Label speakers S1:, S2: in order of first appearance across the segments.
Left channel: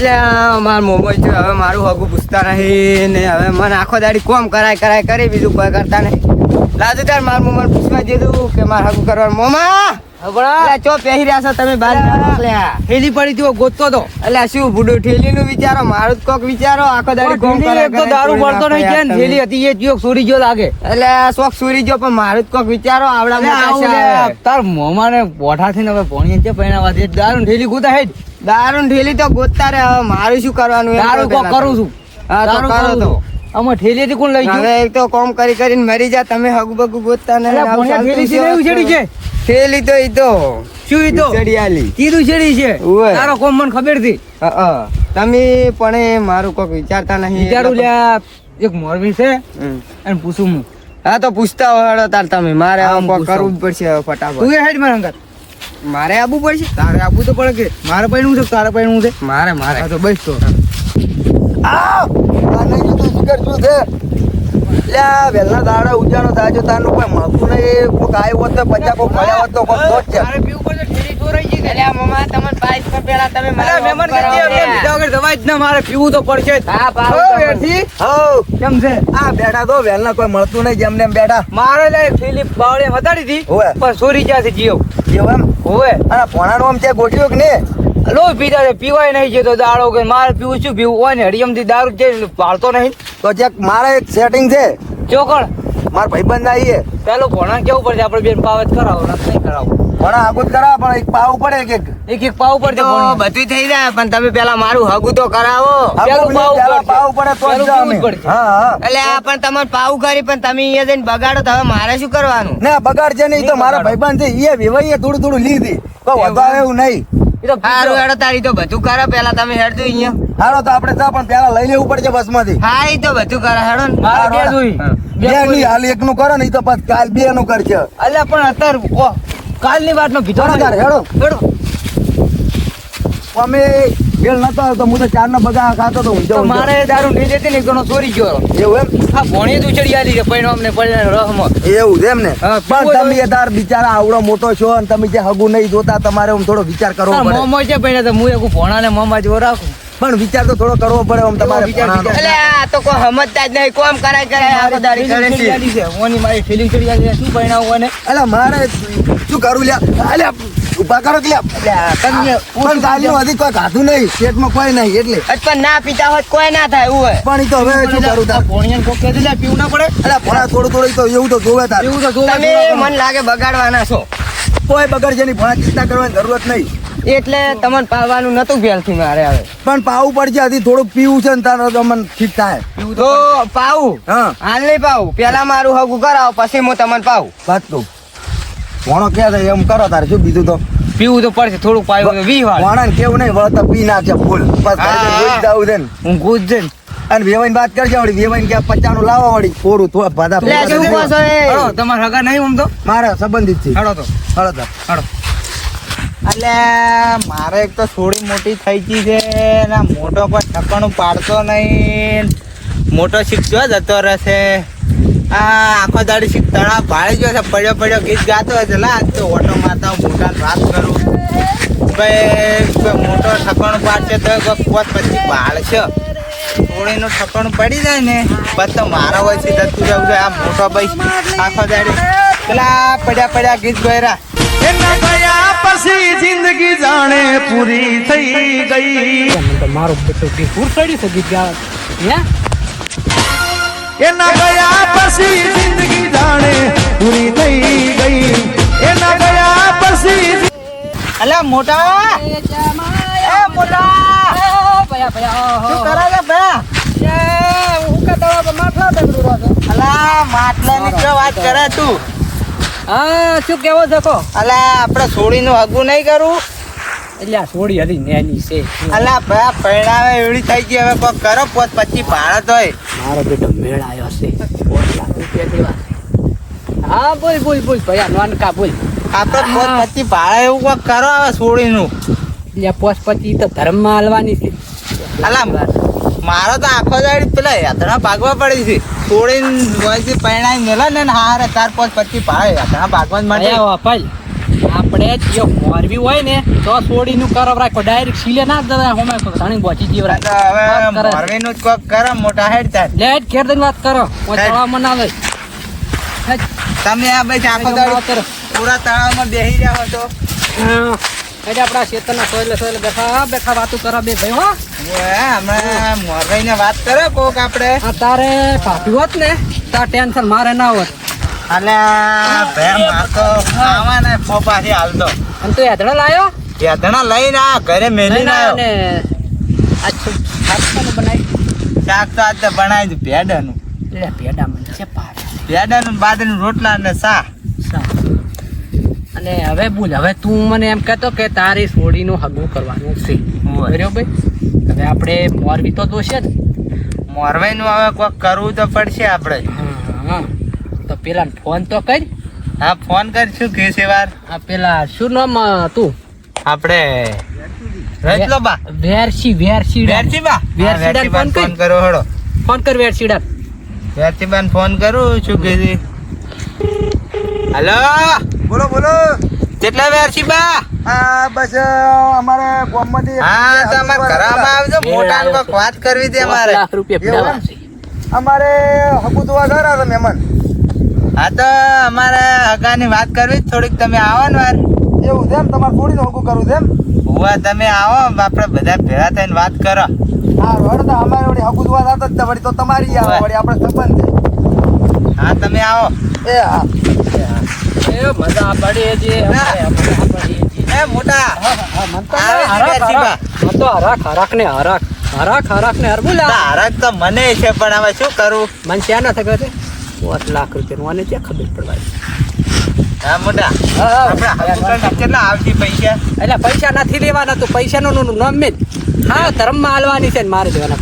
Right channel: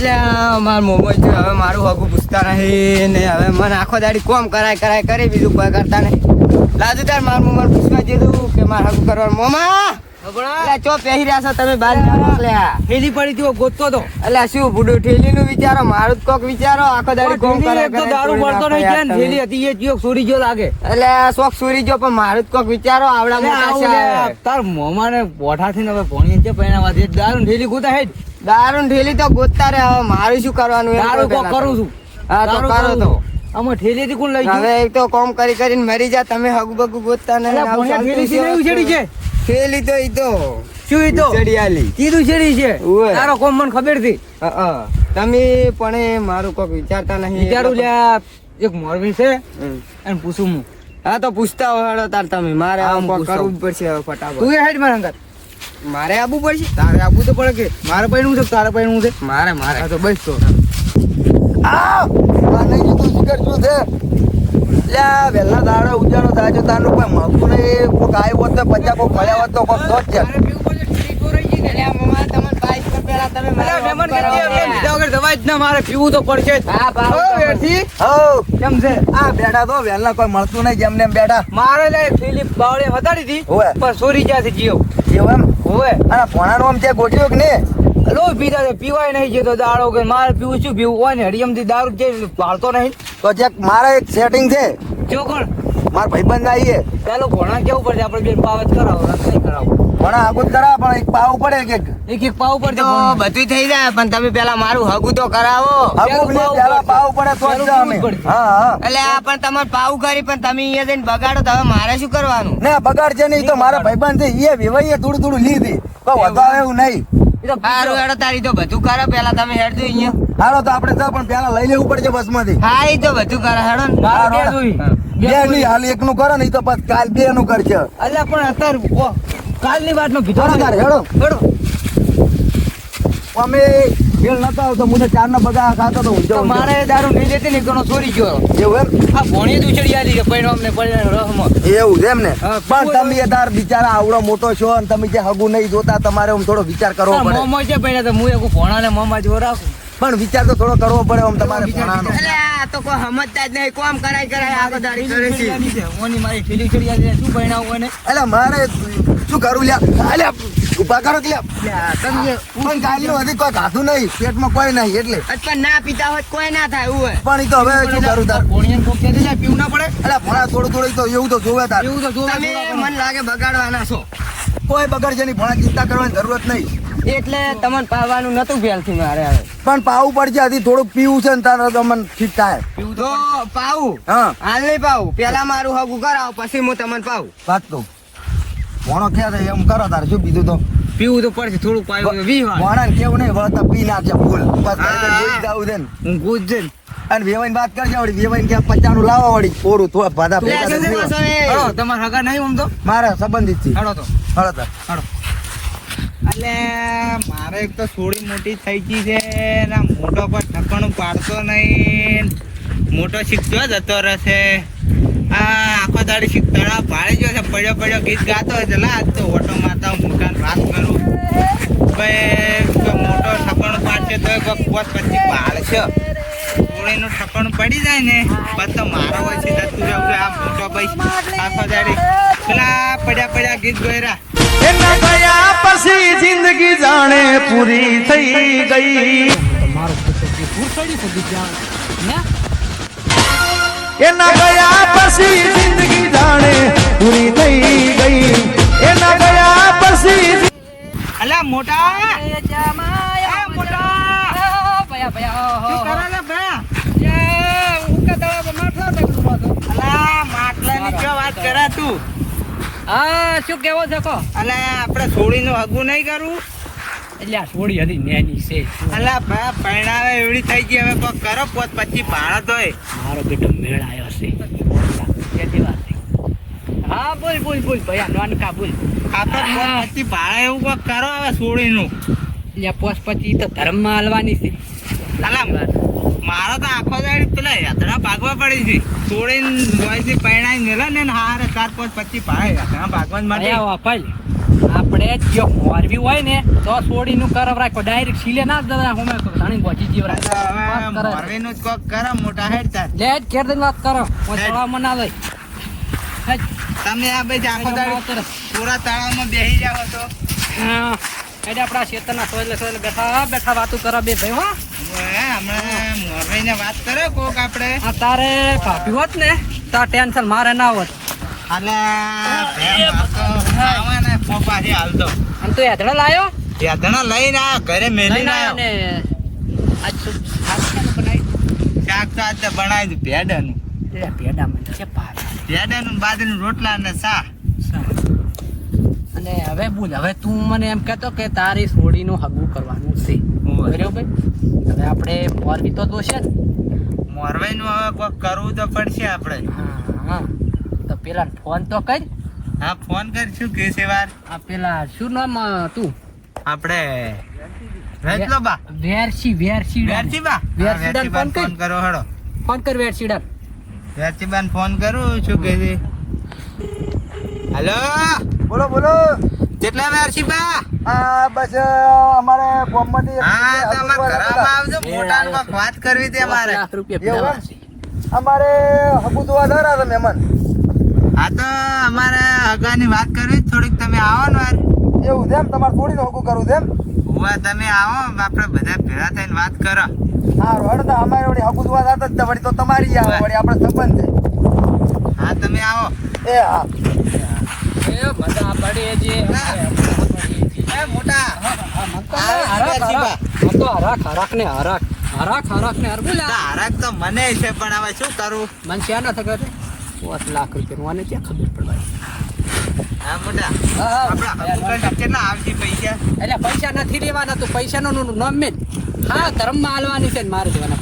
S1: એટલે આ મોબાઈલ છે હવે મારું હગું પૂછતા નહીં ને હવે મને આખો દાડી કોમ કરાય કરાય કરી બીજું કોઈ કરતા નહીં. લાજુ તાર મારું મોબાઈલ પૂછવા દીધું કે મારા હગું કરવાનું. મોમા! ચો પહેરી રહ્યા છો તમે બાર?
S2: થેલી પડી હતી ગોતતો તો.
S1: એટલે શું ભૂડો ઠેલી નું વિચારો? મારું જ કોક વિચારો? આખો દાડી કોમ
S2: કરે તો દારૂ પડતો નહીં થેલી
S1: તમે.
S2: હતી એ ચિયો સુરી જો લાગે.
S1: એટલે શોખ સુરી જો પણ મારું જ કોક વિચારો આવડા
S2: તાર પોઠાથી ને હવે પોણી છે પૈણાવા દે? દારૂ ઠેલી ગોતા હે
S1: દારૂ ઠેલી તો ગોતતા રે હવે મારું શું કરવાનું?
S2: દારૂ કોક કરું છું.
S1: હા તો કરો તો.
S2: છું. ઠેલી થી કોણ લઈ ગયું?
S1: હવે એક તો કોમ કરી કરીને મરી જા તમે હગુ બગુ ગોતતા ને
S2: ઠેલી ભણ્યા નહીં ઉછેડી છે?
S1: થેલી તો ઈ તો.
S2: શું ઈ તો
S1: ઉછેડી
S2: કીધું છેડી છે? તારો કોમ મને ખબર હતી
S1: હા, હા. તમે પણ મારું કોક વિચારતા નહીં
S2: વિચારું લ્યા એક મોરબી છે. પૂછું હું.
S1: હા તો પૂછતા હોય તાર તમે. મારે કરવું જ પડશે ફટાફટ.
S2: તું હેડ મારા અંગત.
S1: મારે આવવું પડશે?
S2: તારે આપવું તો પડે કે મારે પૈણું છે તારે પૈણું છે?
S1: મારે મારે.
S2: તો બસ તો.
S3: આ નહીં જોતું શિખર શું છે? લે વહેલા દાડા ઉજાણો થાય છે તારનું કોઈ મળતું નહીં. કોક આવ્યો હોત તો પચાસ કોક મળ્યા હોત તો કોક દોઢ છે
S1: એટલે આ તમને બાઈક પર પેલા તમે મારા
S2: મહેમાન
S1: ઉપર
S2: કહેતી
S1: આવો
S2: વગર દવા જ ના મારે પીવું તો પડશે.
S1: હા, તો પડશે.
S2: કેમ છે?
S3: આ બેઠા તો વહેલા કોઈ મળતું નહીં જેમને એમ બેઠા.
S2: મારે લે ફિલિપ બાવળે હતાડી હતી
S3: ઓવે.
S2: પણ સોરી જ્યાંથી જીવ
S3: એવું એમ?
S2: હોવે.
S3: અને ભણાનું આમ છે ગોઠ્યો કે ને
S2: લો પીતા છે પીવાય નહીં જતો દાડો કે મારે પીવું શું પીવું? હોય ને હરિયમથી દારૂ જે પાડતો નહીં?
S3: તો જે મારે એક સેટિંગ છે.
S2: જો કોણ
S3: મારા ભાઈબંધ આવીએ
S2: પેલો ભણા કેવું પડશે? આપણે બેન પાવત કરાવો ને કરાવો.
S3: ભણા આગળ જ કરા પણ એક પાવ પડે કે
S2: એક. એક પાવ પડે
S1: તો. બધું થઈ જાય પણ તમે પેલા મારું હગું તો કરાવો.
S2: પેલું પાવ
S3: પડે તો જ અમે. હા હા.
S1: એટલે આ પણ તમારે પાવ કરી પણ તમે અહીંયા જઈને બગાડો તો હવે મારે શું કરવાનું?
S3: ના બગાડ છે નહીં તો મારા ભાઈબંધ છે એ વેવાઈએ થોડું થોડું લીધી. તો વધારે એવું નહીં.
S2: તો
S1: સારું હેડો તારી તો બધું કરો પેલા તમે હેડજો અહીંયા.
S3: હાલો તો આપણે તો પણ પેલા લઈ લેવું પડશે બસમાંથી.
S1: હા એ તો બધું કરો હેડો ને.
S2: બે.
S3: હાલ એકનું કરો ને ઈ તો પછી કાલ બે નું કરશે.
S2: અલ્યા પણ અત્યારે કાલની વાતનો
S3: હેડો તારે, હેડો.
S2: હેડો.
S3: અમે બેલ નતો આવતો હું તો ચાર ના બગા ખાતો તો ઊંઝો
S2: મારે દારૂ નહીં જતી ને ઘણો ચોરી ગયો.
S3: એવું એમ?
S2: આ ભોણી જ ઉછળી આલી છે પૈણો અમને પડે રહમાં
S3: એવું એમ ને? પણ તમે તાર બિચારા આવડો મોટો છો અને તમે જે હગુ નહીં જોતા તમારે હું થોડો વિચાર કરવો પડે.
S2: મોમો છે પૈણા તો હું એક ભોણા ને મોમાં જ રાખું.
S3: પણ વિચાર તો થોડો કરવો પડે આમ તમારે
S2: વિચાર,
S3: ભણાનો.
S1: એટલે આ તો કોઈ સમજતા જ નહીં. કોમ કરાય કરાય દાડી કરે છે?
S2: ઓની મારી ફિલિંગ ચડી જાય શું પૈણા ઓને
S3: એટલે મારે શું કરું લ્યા? અલ્યા ઊભા કરો કે પણ ગાલીઓ હજી કોઈ ખાધું નહીં. પેટમાં કોઈ નહીં એટલે.
S1: પણ ના પીતા હોત કોઈ ના થાય એવું હોય
S3: પણ એ તો હવે શું કરું તાર?
S2: ભોણિયા કોક કહી દે પીવું ના પડે.
S3: એટલે ભણા થોડું થોડું તો એવું તો જોવે તાર.
S2: એવું તો જોવે
S1: મન લાગે બગાડવાના છો.
S3: કોઈ બગડ છે નહીં ભણા ચિંતા કરવાની જરૂરત નહીં.
S1: એટલે તમને પાવાનું નતું ભેલથી મારે હવે.
S3: પણ પાવું પડશે હજી થોડુંક પીવું છે ને તારો તમને ઠીક થાય.
S1: તો પાવું?
S3: હા.
S1: હાલ નહીં પાવું. પેલા મારું હગું કરાવો પછી હું તમને પાવું.
S3: વાત તો ભણો ક્યાં થાય એમ કરો તારે શું બીજું તો?
S2: પીવું તો પડશે થોડુંક પાયું તો વી વાર
S3: ભણા કેવું નહીં વળતા પી નાખશે ફૂલ. બસ ઘરે જાવું છે ને.
S2: હું ગુજ જઈને
S3: અને વેવાઈ વાત કરજે વળી વેવાઈને ક્યાં પચાનું લાવવા વળી. થોડું થોડા ભાદા.
S1: છો
S2: તમારે હગા નહીં આમ તો?
S3: મારા સંબંધિત છે.
S2: હળો તો.
S3: હળો તો
S2: હળો.
S4: એટલે મારે એક તો થોડી મોટી થઈ ગઈ છે ને મોટો પણ ઠકણું પાડતો નહીં. મોટો શીખતો જતો રહેશે આ આખો દાડી શીખ, તળાવ ભાળી ગયો છે, પડ્યો પડ્યો ગીત ગાતો હશે લા તો ઓટો મારતા મોટા વાત કરું. ભાઈ મોટો ઠકણું પાડશે તો કોઈ પછી ભાળશે. થોડીનું ઠકણું પડી જાય ને, પછી તો મારા છે જતું જવું છે. આ મોટો ભાઈ, આખો દાડી. પેલા પડ્યા પડ્યા ગીત ગયરા.
S5: એના ગયા પછી જિંદગી જાણે પૂરી થઈ ગઈ.
S2: મારો બેટો દીપુર ચડી છે ગીત
S5: એના ગયા પછી જિંદગી જાણે પૂરી થઈ ગઈ. એના ગયા પછી
S4: અલ્યા મોટા! એ મોટા! શું કરે છે ભયા અલા માટલાની શું વાત કરે તું.
S2: હા શું કેવો છો કો?
S4: અલા આપણે સોડીનું હગું નહીં કરું.
S2: એટલે આ સોળી હતી નેની છે
S4: અલા ભયા પરણાવે એવડી થઈ ગઈ હવે કોક કરો પોત પછી ભાડા તોય
S2: મારો બેટો મેળ આવ્યો છે પોત લાખ રૂપિયા છે. હા બોલ બોલ બોલ ભયા નાનકા બોલ.
S4: આપણે પોત પછી ભાડા એવું કોક કરો હવે સોળીનું.
S2: એટલે પોસ પછી તો ધર્મમાં હાલવાની છે.
S4: અલા મારો તો આખો દાડી પેલા યાત્રા ભાગવા પડી છે. સોડીને વયથી પરિણામ મેલા ને હારે ચાર પાંચ પછી ભાઈ ઘણા ભાગવાન માટે.
S2: આયા
S6: આપણે જો મોરબી હોય ને તો સોડીનું કરવ રાખો. ડાયરેક્ટ સીલે ના દે હોમે ઘણી બોચી જીવ
S4: રાખે. હવે મોરબીનું જ કોક કરો મોટા હેડ થાય
S6: લેટ ઘેર દઈને વાત કરો. હું લઈ હેડ.
S4: તમે આ ભાઈ આખો દાડો. પૂરા તળાવમાં બેસી જાવ તો.
S6: એટલે આપણા ખેતરના સોયલે સોયલે બેઠા બેઠા વાતો કરો બે ભાઈ હો.
S4: અમે હમણાં મોરબીને વાત કરે કોક આપણે.
S6: આ તારે ભાભી હોત ને તાર ટેન્શન મારે ના હોત.
S4: અને ભાઈ મારતો આવાને ફોપાથી હાલતો.
S6: અને તું યાદણા લાયો?
S4: યાદણા લઈને આ ઘરે મેલીને આવ્યો.
S6: ને. આ શું બનાવી
S4: શાક તો આજે બનાવી ભેડાનું.
S6: લે ભેડા મને છે પાડે
S4: ભેડાનું ને બાદરીનું રોટલા ને સા
S6: અને હવે બોલ હવે તું મને એમ કહેતો કે તારી સોડીનું હગું કરવાનું છે. બરાબર હવે આપણે મોરબી તો દોશે ને?
S4: મોરવાઈનું હવે કોક કરવું તો પડશે આપણે.
S6: હા તો પેલા ફોન તો કર.
S4: હા ફોન કરશું કે છે વાર?
S6: આ પેલા શું નામ તું?
S4: આપણે બા
S6: વેરસી વેરસી
S4: વેરસી બા
S6: વેરસી ફોન કરો.
S4: હળો
S6: ફોન કર
S4: વેરસી બાન ફોન કરું શું કે હલો?
S3: બોલો બોલો.
S4: કેટલા વેરસી બા?
S3: હા બસ અમારે ગામમાંથી
S4: હા તો અમાર ઘરમાં આવજો મોટા
S6: તો.
S4: વાત કરવી છે અમારે.
S6: લાખ રૂપિયા પીડાવા છે.
S3: અમારે હકુ જોવા ગયા હતા મહેમાન.
S4: હા તો અમારે હગાની વાત કરવી થોડીક તમે આવો ને વાર.
S3: એવું છે એમ? તમારે થોડીને હકુ કરું છે એમ?
S4: હુવા તમે આવો આપણે બધા ભેગા થઈને વાત કરો.
S3: હા રોડ તો અમારે વળી હકુ જતા જ વળી તો તમારી આવે વળી આપણે સંબંધ
S4: હા તમે આવો.
S3: એ હા.
S6: એ મજા પડે છે મજા પડે છે
S4: એ મોટા.
S6: હા, મન તો
S4: આવે છે
S6: હરાખ,
S4: વેરસી બા.
S6: હરાખ. મન તો હરાખ હરાખ ને હરાખ હરાખ હરાખ ને હર બોલા
S4: તારક તો મને છે પણ હવે શું કરું?
S6: મન ક્યાં ના થયો પાંચ લાખ રૂપિયા મને ત્યાં ખબર પડવાની
S4: હા મોટા.
S6: હા, હા.
S4: આપણે કેટલા આવશે પૈસા?
S6: એટલે પૈસા નથી લેવાના તું પૈસા નું નામ હા હા ધર્મમાં હાલવાની છે ને મારે કીધું?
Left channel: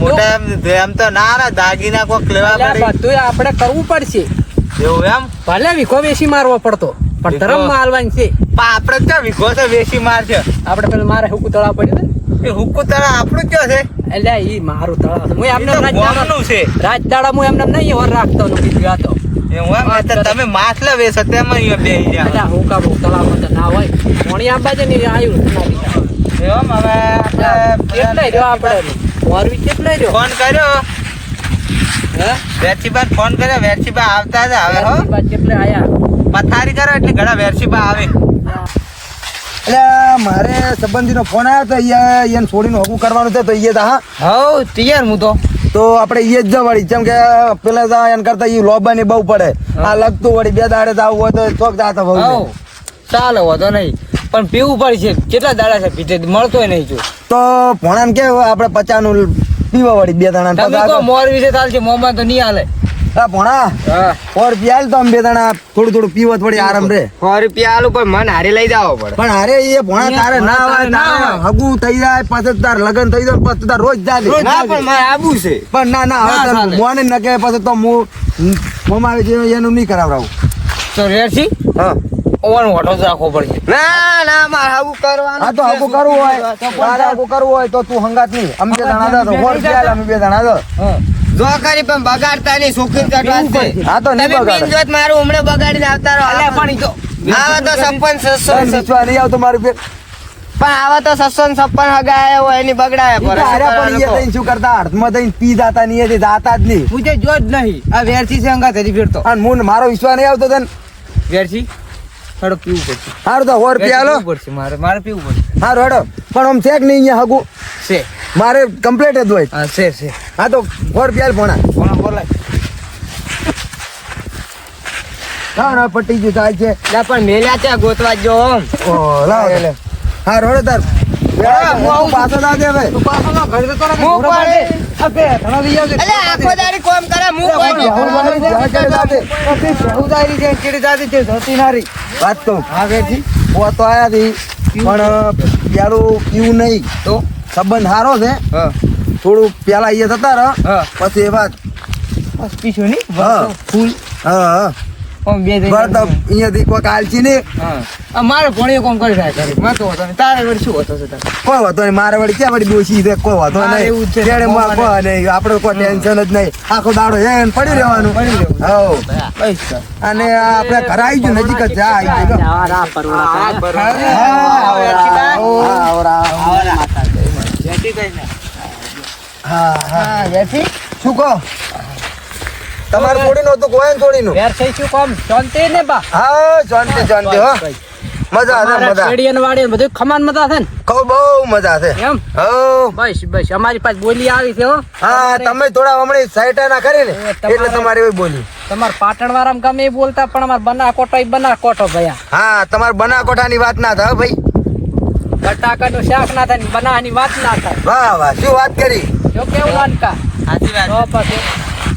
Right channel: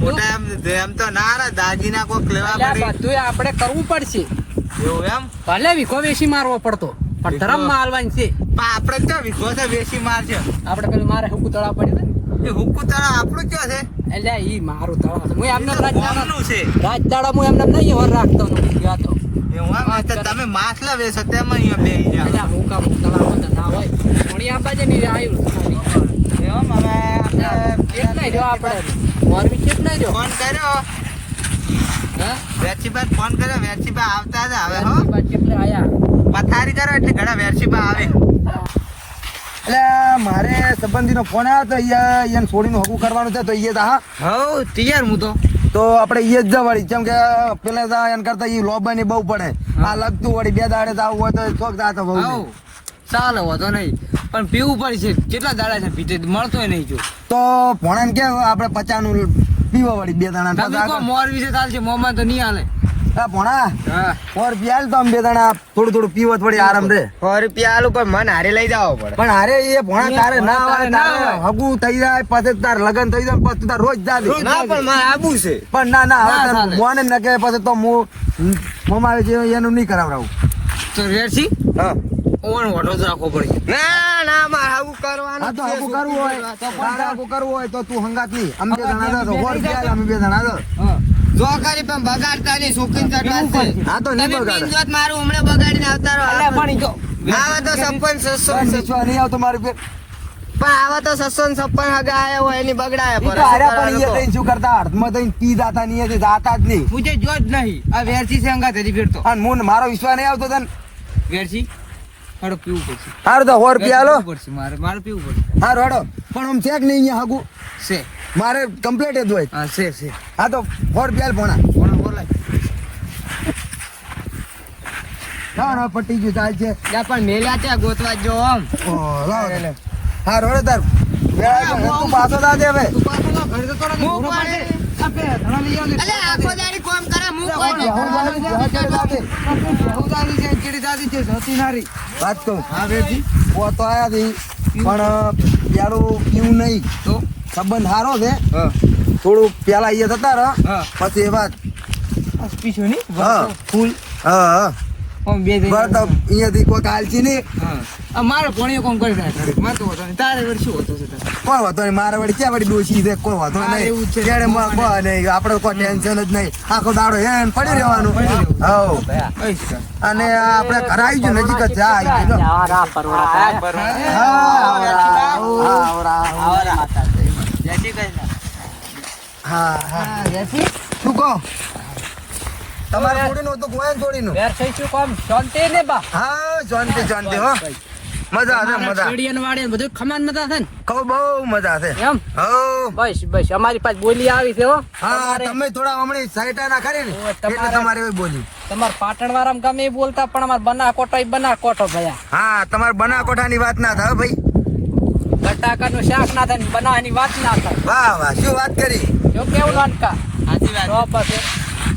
S4: મોટા એમ તો ના દાગીના કોક લેવા
S6: તું આપણે કરવું પડશે.
S4: એવું એમ?
S6: ભલે વિખો વેસી મારવો પડતો પણ ધરમમાં હાલવાની છે.
S4: આપડે તો વિઘો છે વેસી માર છે.
S6: આપડે પેલું મારે હુકુ તળાવ પડ્યું
S4: એ હુકુ તળા આપણું ક્યાં છે?
S6: એટલે ઈ મારું તળાવ છે. હું એમને રાજદાડા
S4: છે.
S6: રાજદાડા હું એમને નહીં હોર રાખતો નું ગીત ગાતો
S4: તમે માછલા વેચો તેમાં જાઓ.
S6: એટલે હું કામ તળાવમાં તો ના હોય. કોણી આંબા છે ને આવ્યું ના દીધા.
S4: એમ? હવે
S6: કેટલાય રહ્યો આપણે મોરબી કેટલાય રહ્યો?
S4: ફોન કર્યો. વેરસીબા ફોન કર્યો વેરસીબા આવતા હતા હવે હો.
S6: કેટલે આયા?
S4: પથારી કરો એટલે ઘણા વેરસીબા આવે.
S3: એટલે મારે સંબંધીનો ફોન આવ્યો તો અહીંયા એને છોડીને હકું કરવાનું છે તો એ તા હા.
S4: હવ તૈયાર હું તો.
S3: તો આપણે એ જ વળી જેમ કે પેલા તો એને કરતા એ લોબા ની બહુ પડે. આ લગતું વળી બે દાડે તો આવું હોય તો ચોક દાતા બહુ
S1: ચાલે વાંધો નહીં. પણ પીવું પડશે કેટલા દાડા છે પીતે? મળતો નહીં જો.
S3: તો ભણાને કે આપણે પચાનું પીવા વળી બે દાણા આગળ.
S1: મોર વિશે ચાલશે મોમાં તો નહીં હાલે.
S3: હા ભણા.
S1: હા.
S3: ઓર પિયાલ તો આમ બે દાણા. થોડું થોડું પીવત થોડી આરામ રે.
S1: સો રૂપિયા આલું પણ મન હારે લઈ જાવ પડે
S3: પણ હારે એ ભણા તારે ના આવે
S1: તારે ના
S3: હગું થઈ જાય પછી તાર લગન થઈ જાય પછી તાર રોજ જાલે
S1: ના પણ મારે આબુ છે.
S3: પણ ના ના હવે મોને ન કે પછી તો હું મોમાં આવે છે એનું નહીં કરાવડાવું.
S1: તો રેસી
S3: હા.
S1: રાખવો પડશે. ના ના મારે આવું કરવાનું
S3: હા તો હગું કરવું હોય તો તારે હગું કરવું હોય તો તું હંગાત નહીં. અમે બે જણા હતા તો હોર અમે બે જણા હતા.
S1: જો કરી પણ બગાડતા નહીં છોકરી ચટવા
S3: હા તો નહીં
S1: તમે જોત મારું હમણાં બગાડીને આવતા રહો.
S6: અલ્યા પણ તો
S1: આવા તો સપન સસન
S3: વિશ્વાસ નહીં આવતો મારું પેટ
S1: પણ આવા તો સસન સપન હગાયા હોય એની બગડાયા
S3: પણ થઈને શું કરતા? હાથમાં થઈને પી જાતા નહીં એ જાતા જ નહીં.
S1: મુજે જો જ નહીં. આ વેરસી છે અંગા તરી ફેરતો.
S3: અને હું મારો વિશ્વાસ નહીં આવતો તને?
S1: વેરસી થોડો પીવું પડશે.
S3: હારું તો
S1: હોડ
S3: પિયાલો
S1: પડશે મારે મારે પીવું પડશે.
S3: હારું હેડો. પણ આમ છે કે નહીં અહીંયા હગું.
S1: છે.
S3: મારે કમ્પ્લીટ જ હોય.
S1: હા છે છે.
S3: હા તો હોર પિયાલ ભણા.
S1: કોણ બોલાય.
S3: ના ના પટી ગયું છે.
S1: પણ મેલ્યા ત્યાં ગોતવા જો આમ
S3: ઓ લાવ હા રોડે તાર. વેળા હું આવું પાછો દા દે હવે.
S1: હું પાડે. અલે આખો દાડી કોમ કરે હું
S3: બેહું વાળી જ્યાં ચડે દા દે.
S1: ઉદારી છે? ચીડી જાતી છે ધોતી નારી.
S3: વાત કહું
S1: હા વેરસી
S3: ઓ તો આયા પણ પેલું પીવું નહીં.
S1: તો?
S3: સંબંધ સારો છે.
S1: હા.
S3: થોડું પેલા અહીંયા થતા રહ.
S1: હા.
S3: પછી એ વાત.
S1: બસ પીછું નહીં. ફૂલ.
S3: હા હા.
S1: બે
S3: અહીંયાથી કોઈ કાલચી નહીં.
S6: મારે ભણીએ કોમ કરી રહ્યા કરી માં તો હતો નહીં. તારે વળી શું હતો છે તારે?
S3: કોઈ વાંધો નહીં. મારા વળી ક્યાં વળી દોષી છે? કોઈ વાંધો નહીં.
S6: એવું છે.
S3: ત્યારે માં કોઈ નહીં. આપણે કોઈ ટેન્શન જ નહીં. આખો દાડો એમ પડી રહેવાનું.
S6: પડી રહેવું. બસ
S3: અને આ આપણે ઘરે આવી ગયું નજીક જ જા આવી ગયું લો.
S6: ના, ના, પરવડા થાય.
S3: હા, હા, આવરા. હા હા.
S6: વેસી?
S3: શું કહો? તમારે છોડીનું તો કોઈ છોડીનું
S6: યાર થઈ શું કામ? શાંતિ ને બા.
S3: હા શાંતિ શાંતિ હો. મજા આવે મજા.
S6: શેરડી વાડી બધું ખમાન મજા છે ને?
S3: કહું બહુ મજા છે.
S6: એમ?
S3: હો.
S6: બસ બસ. અમારી પાસે બોલી આવી છે હો.
S3: હા તમે થોડા હમણાં સાઈટા ના કરી ને એટલે તમારે એવી બોલી
S6: તમારા પાટણ વાળા ગમે બોલતા પણ અમાર બના કોટો બના કોટો ભયા.
S3: હા તમારે બનાકોઠાની વાત ના થાય ભાઈ.
S6: બટાકા નું શાક ના થાય બના ની વાત ના થાય.
S3: વાહ વાહ. શું વાત કરી?
S6: શું કેવું નાનકા
S4: સાચી વાત.
S6: તો પછી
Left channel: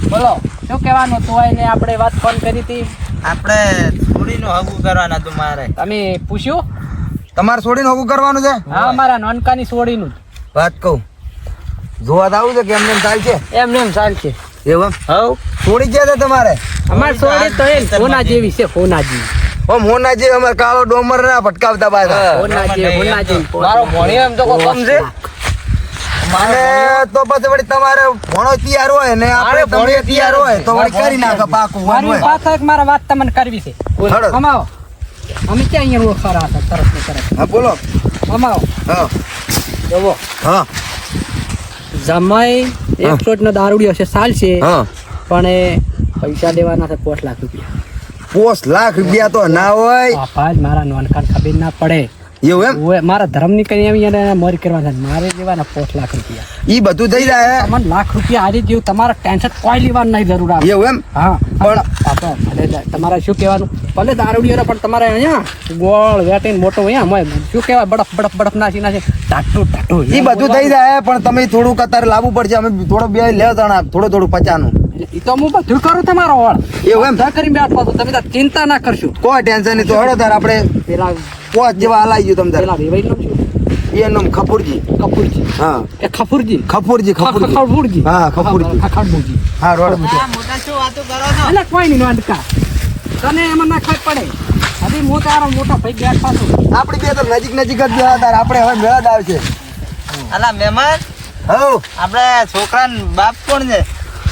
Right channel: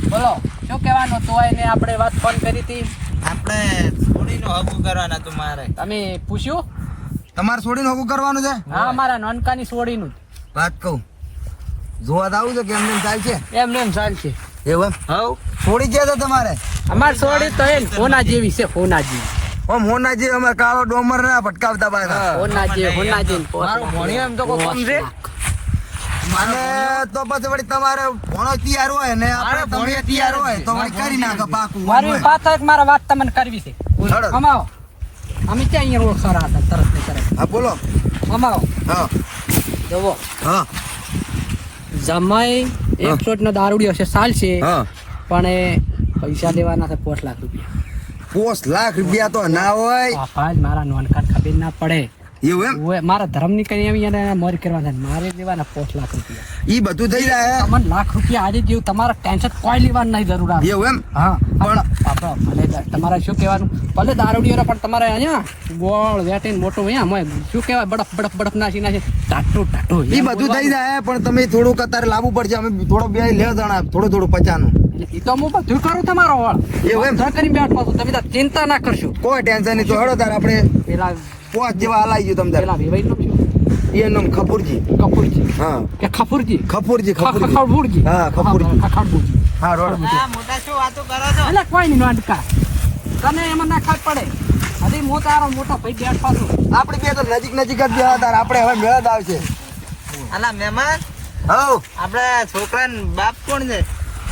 S6: બોલો શું કહેવાનું તો એને આપણે વાત ફોન કરી હતી?
S4: આપણે છોડીનું હગું કરવાના તમારે
S6: તમે પૂછ્યું?
S3: તમારે છોડીને હોગું કરવાનું છે?
S6: હા મારા નાનકાની છોડીનું
S3: વાત કહું. જોવા આવું છે કે એમને એમ થાય છે?
S6: એમ ને એમ ચાલશે
S3: એવું એમ?
S6: હવ.
S3: છોડી ગયા છે તમારે?
S6: અમારી છોડી તો એમ સોના જેવી છે સોના જેવી.
S3: ઓમ હોના જે અમારે કાળો ડોમર ના ભટકાવતા
S6: ફોના જેવી
S4: મારો ભણ્યો એમ તો કમ છે?
S3: અને તો પછી વળી તમારે ભણો તૈયાર હોય ને આપણે તમે તૈયાર હોય તો વળી કરી નાખો પાકું
S6: મારી. વાત એક મારા વાત તમને કરવી છે. અમાવો અમે ક્યાં અહીંયા રોડ ખરા હતા? તરફ ને તરફ
S3: હા બોલો.
S6: અમાવો
S3: હા.
S6: જુઓ.
S3: હા.
S6: જમાઈ એકસો નો દારૂડિયો છે સાલ છે.
S3: હા.
S6: પણ પૈસા દેવાના છે પોચ લાખ રૂપિયા.
S3: પોસ લાખ રૂપિયા તો ના હોય.
S6: મારા નોનકાન ખબર ના પડે.
S3: એવું એમ?
S6: મારા ધર્મની કઈ એમ એને મોરી કરવા મારે દેવાના પોઠ લાખ રૂપિયા.
S3: ઈ બધું થઈ જાય
S6: લાખ રૂપિયા આજે જેવું તમારા ટેન્શન કોઈ લેવાનું નહીં જરૂર આવે.
S3: એવું એમ?
S6: હા. પણ પાપા ભલે તમારે શું કહેવાનું? ભલે દારૂડિયો પણ તમારે અહીંયા ગોળ વેટીને મોટો અહીંયા મોય શું કહેવાય? બડફ બડફ બડફ નાસી નાસી. ટાટુ ટાટુ
S3: ઈ બધું થઈ જાય પણ તમે થોડુંક અત્યારે લાવવું પડશે. અમે થોડો બે લેવા થોડું થોડું પચાનું.
S6: એ તો હું બધું કરું તમારો વાળ.
S3: એવું એમ?
S6: કરી બેઠો તમે ચિંતા ના કરશો.
S3: કોઈ ટેન્શન નહીં. તો હળો તાર આપણે
S6: પેલા
S3: પોચ જેવા હલાઈ ગયું તમ
S6: પેલા નામ શું?
S3: એનું નામ ખપુરજી.
S6: કપૂરજી
S3: હા.
S6: એ ખફુરજી
S3: ખપુરજી ખપુરજી.
S6: ખફુરજી
S3: હા, ખફુરજી.
S6: ખખડબુજી
S3: હા રોડ.
S4: મોટા શું વાતો કરો છો?
S6: એટલે કોઈ નહીં નાટકા તને એમાં ના ખાઈ પડે. હજી હું તારો મોટો ભાઈ બેઠા છું.
S3: આપડી બે તો નજીક નજીક જ બેહા તાર આપણે હવે મેળા જ આવશે
S4: અલા મહેમાન? આપણા છોકરાનો બાપ કોણ છે?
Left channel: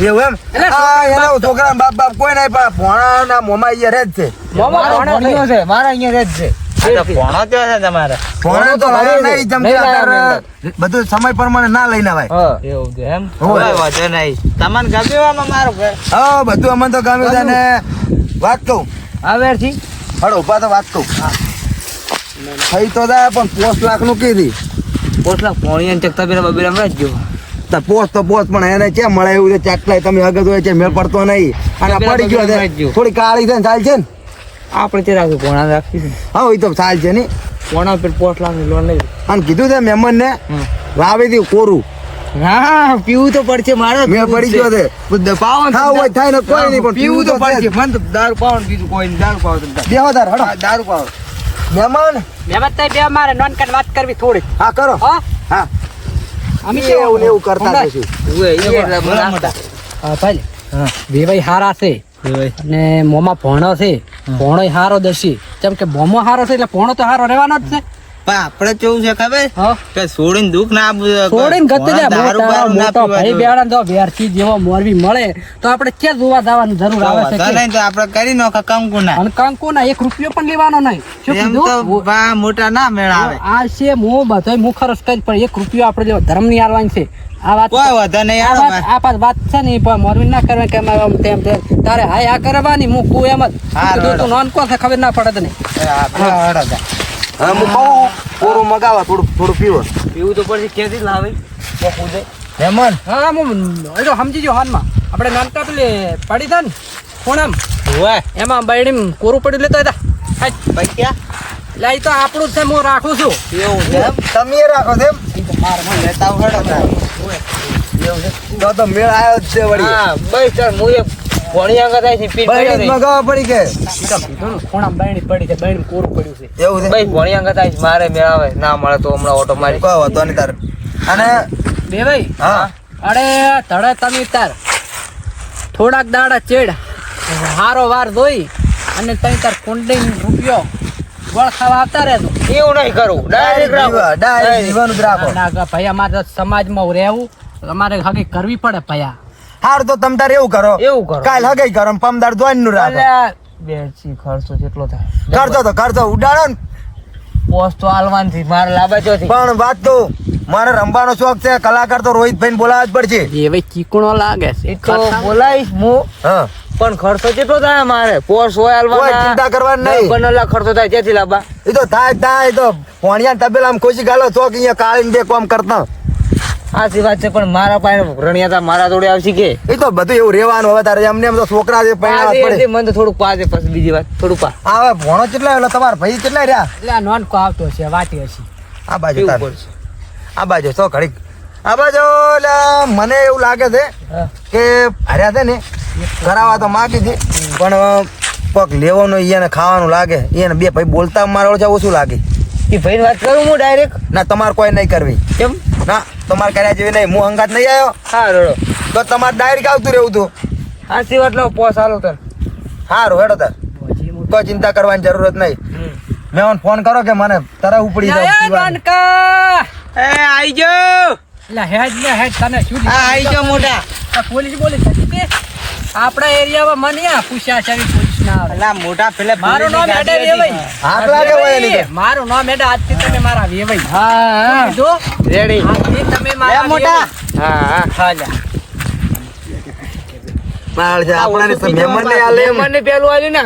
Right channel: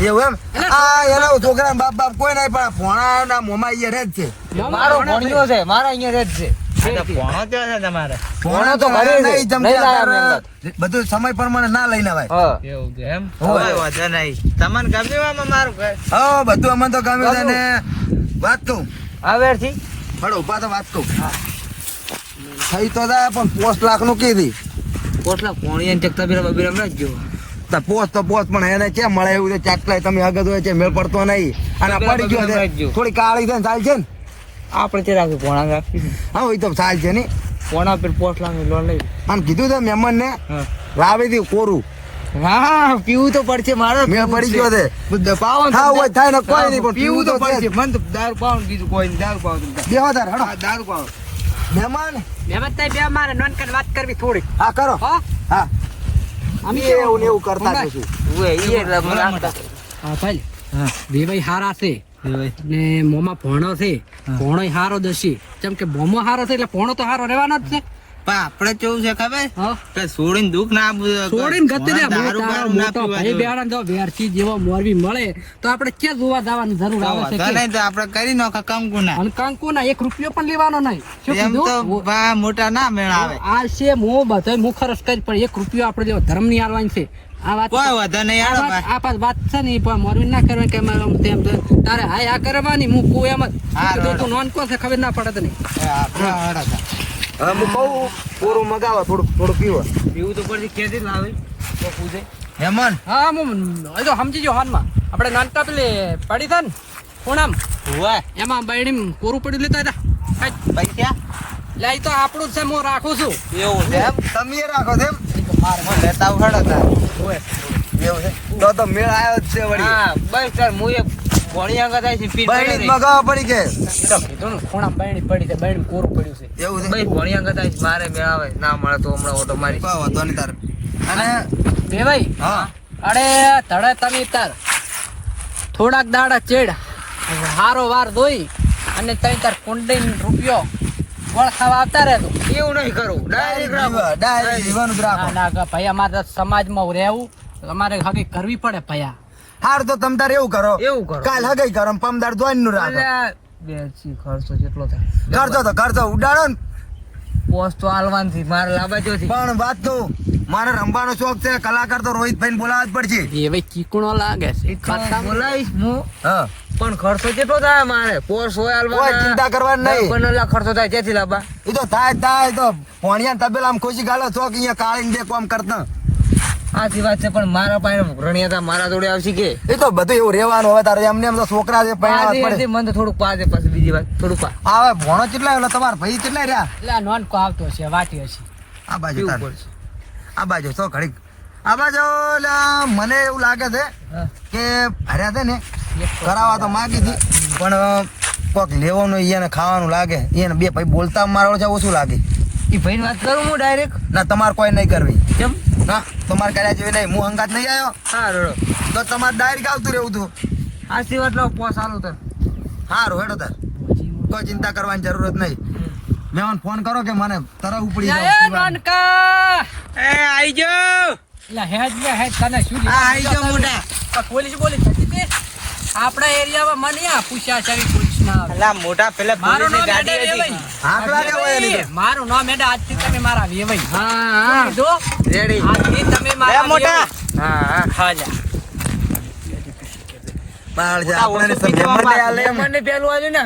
S3: એવું એમ? હા એના છોકરા બાપ બાપ કોઈ નહીં પણ ભોણા મોમાં અહીંયા રહે જ છે.
S6: મામા
S4: મારો
S6: ભણ્યો
S4: ભણ્યો
S6: છે.
S4: છે મારા અહીંયા રહે જ છે. ભણો કયો છે તમારે?
S3: ભોણા તો લાવે નહીં જેમ કે અત્યારે બધું સમય પ્રમાણે ના લઈને આવાય.
S4: એવું છે એમ?
S3: હોય.
S4: વાંધો નહીં. તમને ગમ્યું આમાં મારું ઘર
S3: હા બધું અમને તો ગમે છે ને વાત કહું. હળો ઊભા તો વાત કહું. થઈ તો જાય પણ પોસ્ટ લાખનું કીધી
S4: પોટલા પોણી ચકતા બિના બબીરા માં જ
S3: તો પોસ્ટ તો પોસ્ટ પણ એને કેમ મળે એવું છે? ચાટલાય તમે અગત હોય છે મેળ પડતો નહીં. અને પડી ગયો છે. થોડી કાળી છે ને ચાલ છે ને.
S4: આપણે તે રાખી પોણા રાખી
S3: હા એ તો થાય છે ને
S4: પોણા પર પોટલા ની લોન લઈ.
S3: અને કીધું છે મહેમાન ને વાવી દી કોરું.
S4: હા પીવું તો પડશે મારે
S3: મેં પડી ગયો છે.
S4: પાવન
S3: હોય થાય ને કોઈ નહીં પણ પીવું તો પડશે.
S4: મને તો દારૂ પાવન બીજું કોઈ નહીં દારૂ પાવન
S3: બેહો તાર હડો.
S4: દારૂ પાવન.
S3: મહેમાન?
S6: તાઈ બે મારે નોનકન વાત કરવી થોડી
S3: હા કરો.
S6: હા?
S3: હા.
S6: અમે
S3: એવું ને એવું કરતા જશું.
S4: મોટા
S6: હા ભાઈ
S4: હા
S6: વેવાઈ હારા છે. અને મોમાં ભોણો છે. ભોણો હારો દસી જેમ કે બોમો હારો છે એટલે ભોણો તો હારો રહેવાનો જ છે.
S4: પણ આપણે કેવું છે ખબર? કે છોડીને દુઃખ ના
S6: છોડીને ગતિ દે મોટા
S4: ના
S6: મોટો
S4: પીવા
S6: ભાઈ બેડા તો વેરથી જેવો મોરબી મળે તો આપણે ક્યાં જોવા જવાની જરૂર આવે છે?
S4: નહીં તો આપણે કરી નો કંકુ ના
S6: અને કંકુ ના એક રૂપિયો પણ લેવાનો નહીં.
S4: એમ તો મોટા ના મેળ આવે.
S6: આ છે મો બધો મુખરસ કરી પણ એક રૂપિયો આપણે લેવો ધર્મની આલવાની છે. આ વાત
S4: કોઈ વાંધો નહીં
S6: આ વાત વાત છે ને પણ મોરબી ના કરવા કે અમારે તેમ તેમ. તારે હાય આ કરવાની હું કુ એમ જ. તું નોન કોણ છે ખબર ના પડે તને.
S3: હા હું કહું કોરું મગાવો થોડું થોડું પીવો.
S4: પીવું તો પછી ક્યાંથી લાવે.
S3: મહેમાન
S6: હા હું એ તો સમજી ગયો હાલમાં. આપણે નાનકા પેલી પડી હતા ને ખૂણામ. એમાં બાયડી કોરું પડી લેતા હતા.
S4: પૈસા
S6: એ તો આપણું છે હું રાખું છું.
S4: એવું છે
S3: તમે રાખો છો એમ?
S6: એ તો મારે ન. એવું
S4: લેતા
S3: તો તો મેળ આવ્યો જ છે વળી.
S4: હા બસ ચાલ હું એક ભણી આગળ થાય છે પીટ
S3: બહેણી પડી કે?
S6: કીધું ને છે બાયડી કોરું પડ્યું છે.
S3: એવું છે?
S4: ભાઈ ભણી આગળ થાય છે. મારે મેળ આવે. ના મળે તો હમણાં ઓટો મારી.
S3: કોઈ વાંધો નહીં તારે. અને?
S6: બે ભાઈ?
S3: હા.
S6: અરે ધડે તમે તાર. થોડાક દાડા ચેડ. હારો વાર ધોઈ અને તઈ તાર કુંડી રૂપિયો ગોળ ખાવા આવતા રહેજો
S4: એવું નહીં કરું.
S3: ડાયરેક્ટ જીવા ડાયરેક્ટ જીવાનું રાખો.
S6: ના ભાઈ અમારે તો સમાજમાં રહેવું અમારે હગી કરવી પડે ભયા.
S3: હાર તો તમ તારે એવું કરો.
S4: એવું કરો.
S3: કાલ હગે કરો પમદાર ધોઈને નું રાખો
S4: બેસી ખર્ચો જેટલો થાય.
S3: કરતો તો કરતો ઉડાડો ને.
S4: પોસ્ટ તો હાલવાનથી મારે લાભે તો
S3: પણ વાત તો મારે રમવાનો શોખ છે કલાકાર તો રોહિતભાઈ બોલાવવા જ પડશે.
S6: એ ભાઈ ચીકણો લાગે છે.
S4: બોલાવીશ હું.
S3: હા.
S4: પણ ખર્ચો કેટલો થાય મારે પોસ્ટ હોય
S3: કોઈ ચિંતા કરવાની નહીં.
S4: બનેલા ખર્ચો થાય ત્યાંથી લાંબા.
S3: એ તો થાય થાય તો ભણિયા તબેલા આમ ખુશી ગાલો ચોક અહીંયા કાળીને બે કોમ કરતા.
S4: સાચી વાત છે પણ મારા પાસે રણિયાતા મારા જોડે આવશે કે?
S3: એ તો બધું એવું રહેવાનું હવે તારે એમને એમ તો છોકરા છે પૈણા પડે.
S4: મને તો થોડુંક પાજે પછી બીજી વાત થોડુંક પા.
S3: હવે ભણો કેટલા એટલે તમારા ભાઈ કેટલા રહ્યા?
S6: એટલે આ નોનકો આવતો છે વાટી હશે.
S3: આ બાજુ આ બાજુ તો ઘડી આ બાજુ એટલે મને એવું લાગે છે કે હર્યા છે ને કરાવવા તો માગી હતી પણ પગ લેવાનું એને ખાવાનું લાગે. એને બે ભાઈ બોલતા મારો છે ઓછું લાગે.
S4: એ ભાઈ વાત કરું હું ડાયરેક્ટ
S3: ના તમારે કોઈ નહીં કરવી.
S4: કેમ?
S3: ના તમારે કર્યા જેવી નહીં. હું હંગાત નહીં આવ્યો.
S4: હા રડો.
S3: તો તમારે ડાયરેક્ટ આવતું રહેવું હતું
S4: સાચી વાત લાવો પોસ હાલો તર
S3: સારું હેડો તર. તો ચિંતા કરવાની જરૂરત નહીં. મેં ફોન કરો કે મને તરા ઉપડી
S6: જાય એ
S4: આઈ જાઓ
S6: હેડ ને હેડ તને શું
S4: આઈ જાઓ મોટા
S6: પોલીસ બોલી તે? આપણા એરિયામાં મને આ પૂછ્યા છે પોલીસ ના આવે.
S4: એટલે મોટા પેલે
S6: મારું નામ એડે
S4: ગાડી
S6: વેવાઈ.
S3: લાગે તો.
S6: મારું નામ એડે આજથી તમે મારા વેવાઈ.
S4: હા હા.
S6: કીધું?
S4: રેડી.
S6: આજથી તમે મારા
S4: મોટા. હા હા.
S6: હા
S3: બાળ છે આપણે મહેમાન ને આલે એમ.
S4: પેલું આલ્યું ને.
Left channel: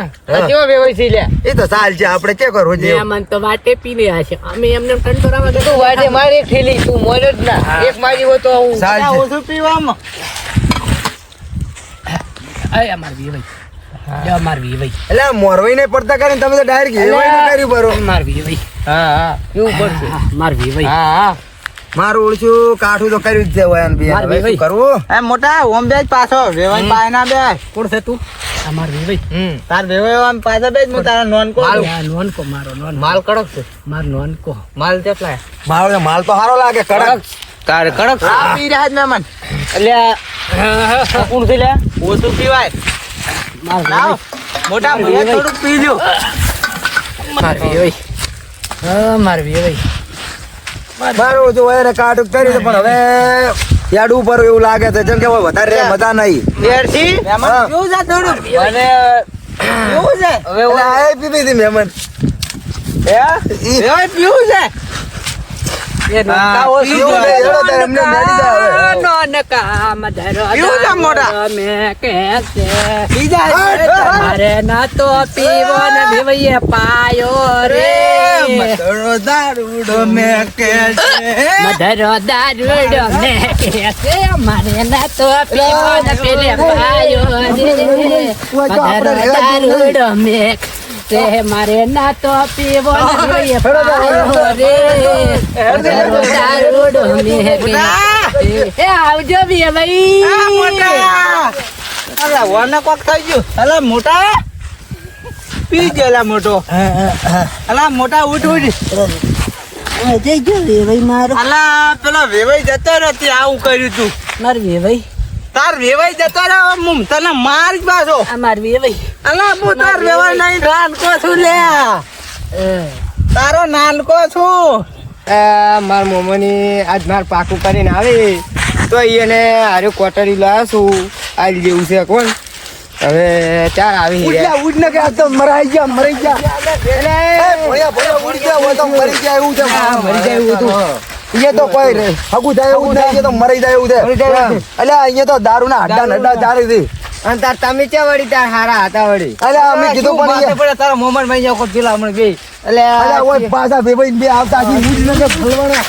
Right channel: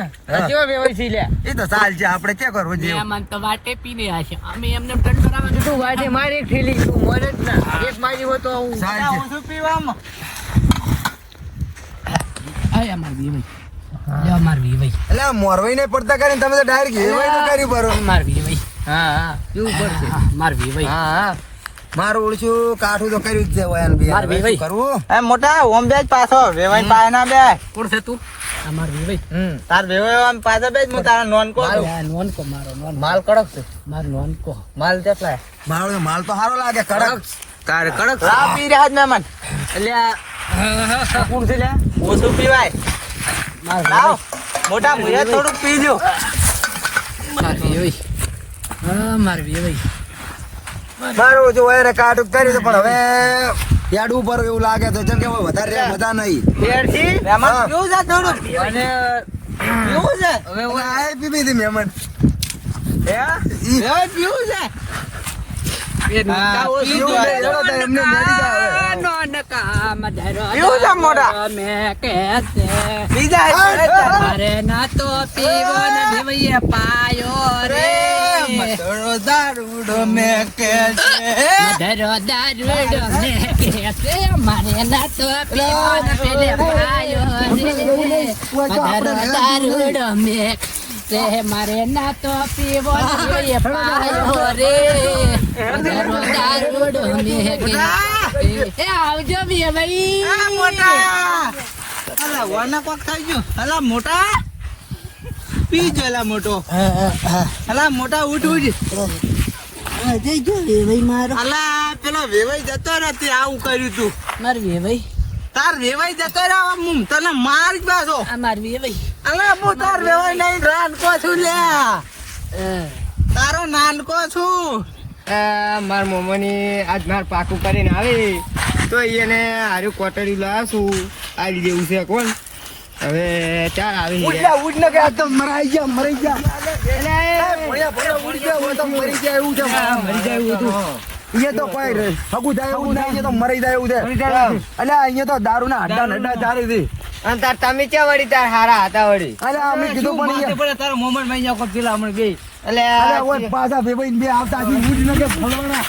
S4: કેવો વેવાઈ છે લ્યા?
S3: એ તો ચાલ છે આપણે કે કરો છે?
S6: મહેમાન તો વાટે પીને હશે અમે એમને ટંટોરામાં
S4: તું વાડે મારી ઠેલી તું મોજો જ ના. એક મારી હો તો હું
S3: સાલ
S4: ઓછું પીવામાં.
S6: અરે અમાર વેવાઈ જો અમાર વેવાઈ
S3: એટલે મોરવાઈ ને પડતા કરીને તમે તો ડાયરેક્ટ હેવાઈ નું કર્યું બરો
S6: માર વેવાઈ
S4: હા હા. એવું પડશે.
S6: હા, માર વેવાઈ
S4: હા હા.
S3: મારું ઓળશું કાઠું તો કર્યું જ છે હવે બી.
S6: માર
S3: હવે
S6: ભાઈ.
S3: શું કરવું?
S4: એ મોટા ઓમ બે પાછો. વેવાઈ પાસે ના બે.
S6: કોણ છે તું? આ માર વેવાઈ
S4: હમ. તાર વેવાઈ આમ પાસે બે હું તારા નોન કો
S6: માલ નોનકો. મારો નોન
S4: માલ કડક છે.
S6: માર નોનકો.
S4: માલ કેટલા
S3: મારો માલ તો સારો લાગે કડક.
S4: તારે કડક પી રહ્યા જ મહેમાન એટલે કોણ છે લે ઓછું પીવાય. મોટા
S6: ભાઈ
S4: ભલે
S6: વેવાઈ.
S4: થોડુંક પીજો
S6: માર વેવાઈ હા માર વેવાઈ
S3: મારું ઓછું હોય છે પણ હવે યાડ ઉપર એવું લાગે છે. જેમ કે વધારે રે મજા નહીં.
S4: દેડસી. કેવું છે થોડું? મને છે? હવે
S3: આ હતી મહેમાન.
S4: હા, પી. પીવું છે?
S6: ના તો પીવો ને ભેવૈયે પાયો રે
S4: મતરો દારૂડો મેં કે
S6: મધરો દારૂડો ને કે મારે ના તો પીવો ને પેલે પાયો રે મધરો દારૂડો મેં તે મારે ના તો પીવો ભેવૈયે પાયો રે મધરો દારૂડો મેં કે એ આવજો ભેવૈ
S4: અલા વાના કોક થઈ ગયું. અલા મોટા. પી ગયો મોટો. અલા મોટા ઉઠ ઉઠ અલા પેલો વેવાઈ જતો નથી આવું કર્યું તું.
S6: માર વેવાઈ?
S4: તાર વેવાઈ જતો રહ્યો મમ તને માર જ પાછો.
S6: આ માર વેવાઈ.
S4: અલા હું તાર વેવાઈ નહીં નાનકો છું લે. તારો નાનકો છું.
S1: માર મોમોની આજ માર પાકું કરીને આવે. તો એને હારું કોટરી લાશું છું આવી જેવું છે કોણ? હવે ચાર આવી રહ્યા.
S3: ઉડ ને કે આ તો મરાઈ ગયા મરી ગયા
S1: એટલે
S3: ભોયા ભોયા ઉડી ગયા હોય તો મરી ગયા એવું છે.
S1: મરી ગયા એવું હતું.
S3: અહીંયા તો કોઈ નહીં. હગું થાય એવું નહીં અહીંયા તો મરી જાય એવું છે. એટલે અહીંયા તો દારૂ ના હડ્ડા ને ચાલી હતી.
S1: અને તાર તમે ક્યાં વળી તાર હારા હતા વળી?
S3: એટલે અમે કીધું પણ
S4: પડે? તારા મોમનમાં જાવ પેલા હમણાં બે
S1: એટલે
S3: પાછા ભેભાઈ બે આવતા હજી ઉડ કે ભલવાના.